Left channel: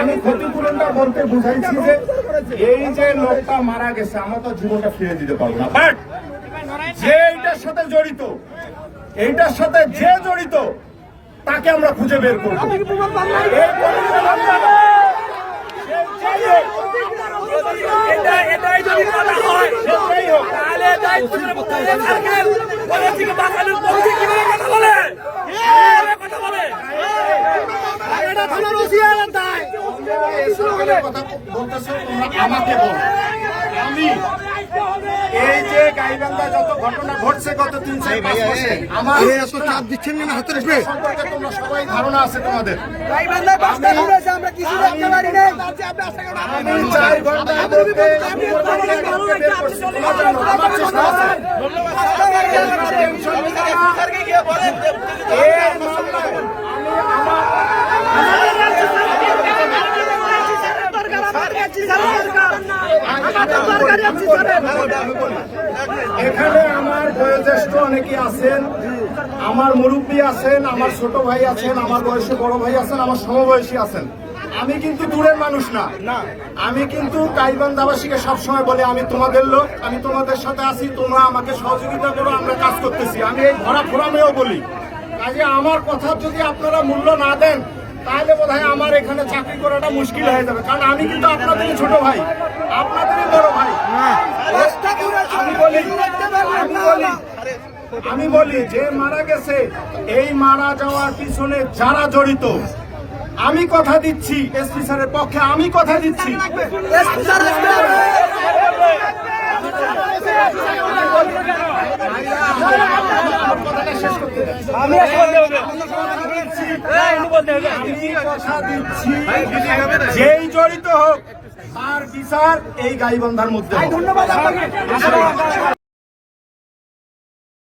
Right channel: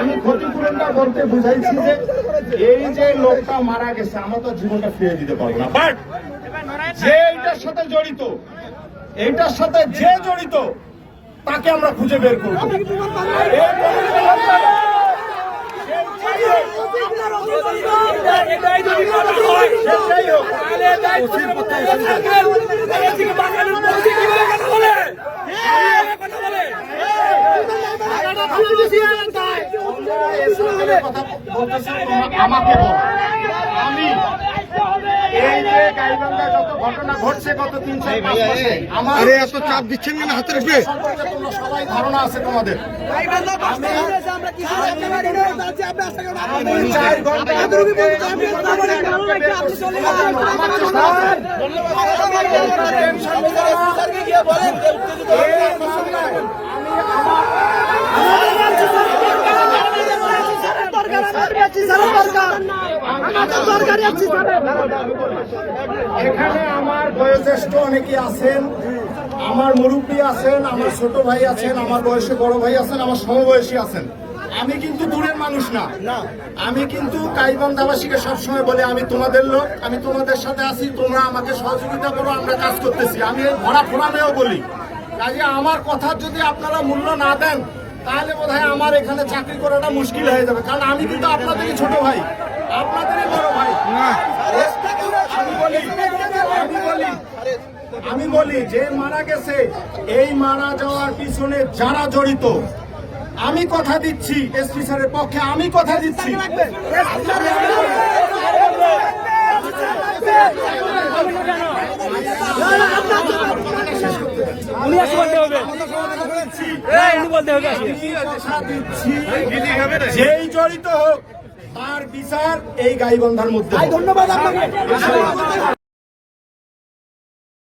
আমি ক্ষতিপূরণটা বলতে বুঝাইছি যে এই যে লোকটা মারা গেছে আমরা তো জীবনটা ফিরে দিতে পারবো না, বাট যে এইটার সাথে জড়িত, এইটার সাথে যে জড়িত তাকে আমরা খুঁজে বের করবো। এটাই যদি কথা হয় তাহলে কিভাবে কথা বলে আমাকে বল, আমি এই যে গাইবান্ধা যত ঘটনা ঘটছে গত 3-4 মাসে আমার এত চাপ দিচ্ছেন কেন হাতে রেখে? সম্পর্কে তোমরা সবাই ধারণা আছে তোমাদের। আমি 4 ঘন্টার মধ্যে বের করছি, তোমরা জানো আমার চেষ্টা আছে। টেনশন নিবা না, এই মামলায় এখানে আমার বয়োজ্যেষ্ঠ অনেকে আছেন, আমার মুরব্বী আছেন, আমার ছোট ভাই আছেন, আমার বয়সে বড় ভাই আছেন, আমার সমবয়সী আছেন। আমি কিন্তু দূরের মানুষ না, আমি কিন্তু গাইবান্ধাবাসীকে সবসময় বলে আমি তোমাদের লোক, আমি তোমাদের সাথে আছি, তোমরা আমাকে সহযোগিতা করো, আমরা কাজ করতেছি। আমি এই ভরা ফোরামেও বলি, কাজে আমার কথার যদি আপনারা মূল্য না দেন তাহলে বোধহয় আমার এখানে চাকরি করাটা মুশকিল হয়ে যাবে, কারণ আমি কিন্তু আপনাদেরই ছোট ভাই, আপনাদেরই বড় ভাই। আমি বলি যে মারা গেছে, এই মারা যাওয়ার পিছনে যারা জড়িত, আমি কথা দিচ্ছি এসপি স্যারের পক্ষে, আমি কথা দিচ্ছি যেই জড়িত হোক তার বিচার এই গাইবান্ধার মধ্যে। ধন্যবাদ।